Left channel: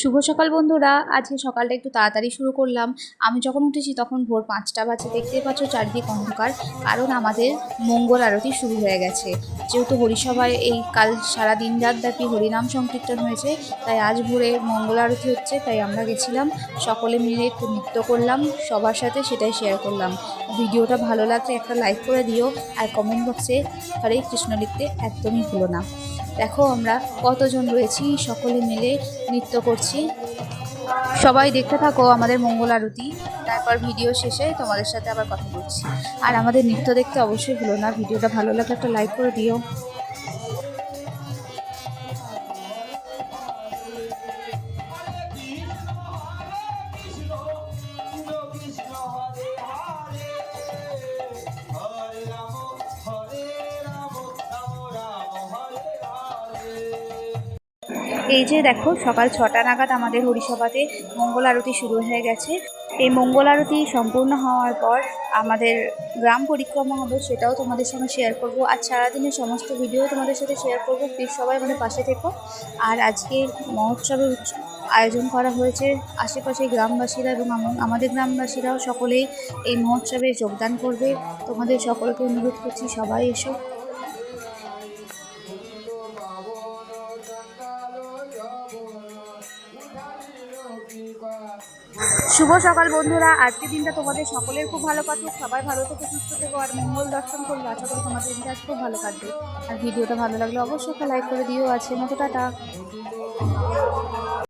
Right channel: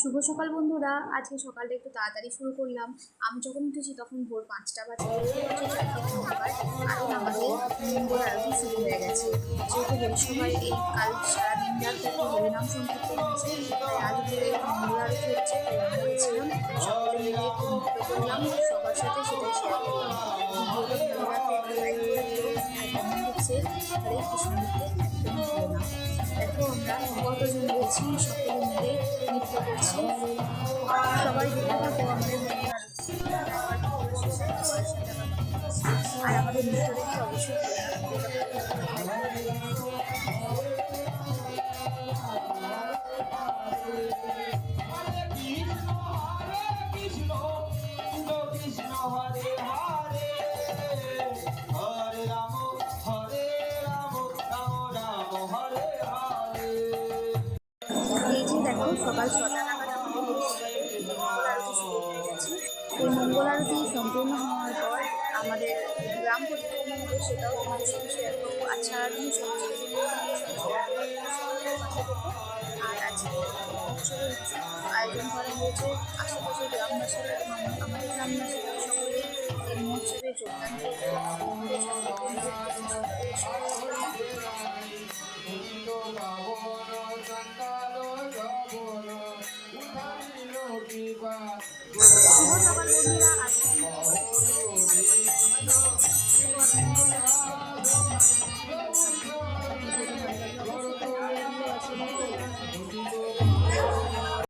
শুভ সকাল বন্ধুরা। আজকে সকালটা একটু তাড়াতাড়ি শুরু করলাম। আমি যখন উঠেছি তখন ভোর 5টা বাজে। দেখতেই পাচ্ছ চারদিক অন্ধকার, কারণ আমাদের মঙ্গল আরতি শুরু হয়ে গেছে। যেহেতু হরিসভায় এই কাল সারা দিন রাত ব্যাপী হরিনাম সংকীর্তন হয়েছে, তাই আজ ভোরে মঙ্গল আরতি হচ্ছে, তাই আমরা গেছিলাম। সকলে মিলে একটু নৃত্য করলাম, সবার সাথে সেটাই শেয়ার করলাম। ভিডিওটা ভালো লাগলে একটা লাইক করে দিও, আর কমেন্ট বক্সে হরে কৃষ্ণ লিখতে একদমই ভুলো না। দেখো আমরা কতজন রয়েছি, সকলে মিলে নৃত্য করছি। সবাই দেখতে থাকো আমাদের মঙ্গল আরতি, তারপর ভিডিও শেষে তোমাদের সাথে আবার কথা বলছি। আর আমাদের নৃত্য দেখতে অবশ্যই ভুলো না। ভিডিওটা ভালো লাগলে একটা লাইক করে দিও। এই যে দেখো, সকাল 6টা নাগাদ আমাদের হরিসভাতে মঙ্গল আরতি শুরু হয়ে গেছে। এই মঙ্গল আরতি সম্পূর্ণ হওয়ার পর আমাদের গ্রাম পরিক্রমা হবে, সেটাও তোমাদের সঙ্গে শেয়ার করবো। আর সারাদিনের সমস্ত ভিডিও তোমাদের সাথে শেয়ার করবো। প্লিজ সবাই মানে পাশে থেকো। আর আজকে মহোৎসবের আয়োজন করা হয়েছে। আশেপাশের গ্রামবাসীরা এবং আমাদের গ্রামবাসীরাও সকলেই এই মহোৎসবে যোগদান করবে। তোমাদের সকলকে অনুরোধ করছি, সবাই এসো। শুভ সকাল বন্ধুরা। আজকের দিনটা তোমাদের সকলের খুব ভালো কাটুক। সবাই ভালো থেকে সুস্থ থেকো আর মঙ্গল দর্শন করবো। আশা করি তোমাদের দিনটা খুব ভালো কাটবে। আর ভিডিওটা ভালো লাগলে অবশ্যই একটা লাইক করে দিও। আজকের মতো টাটা।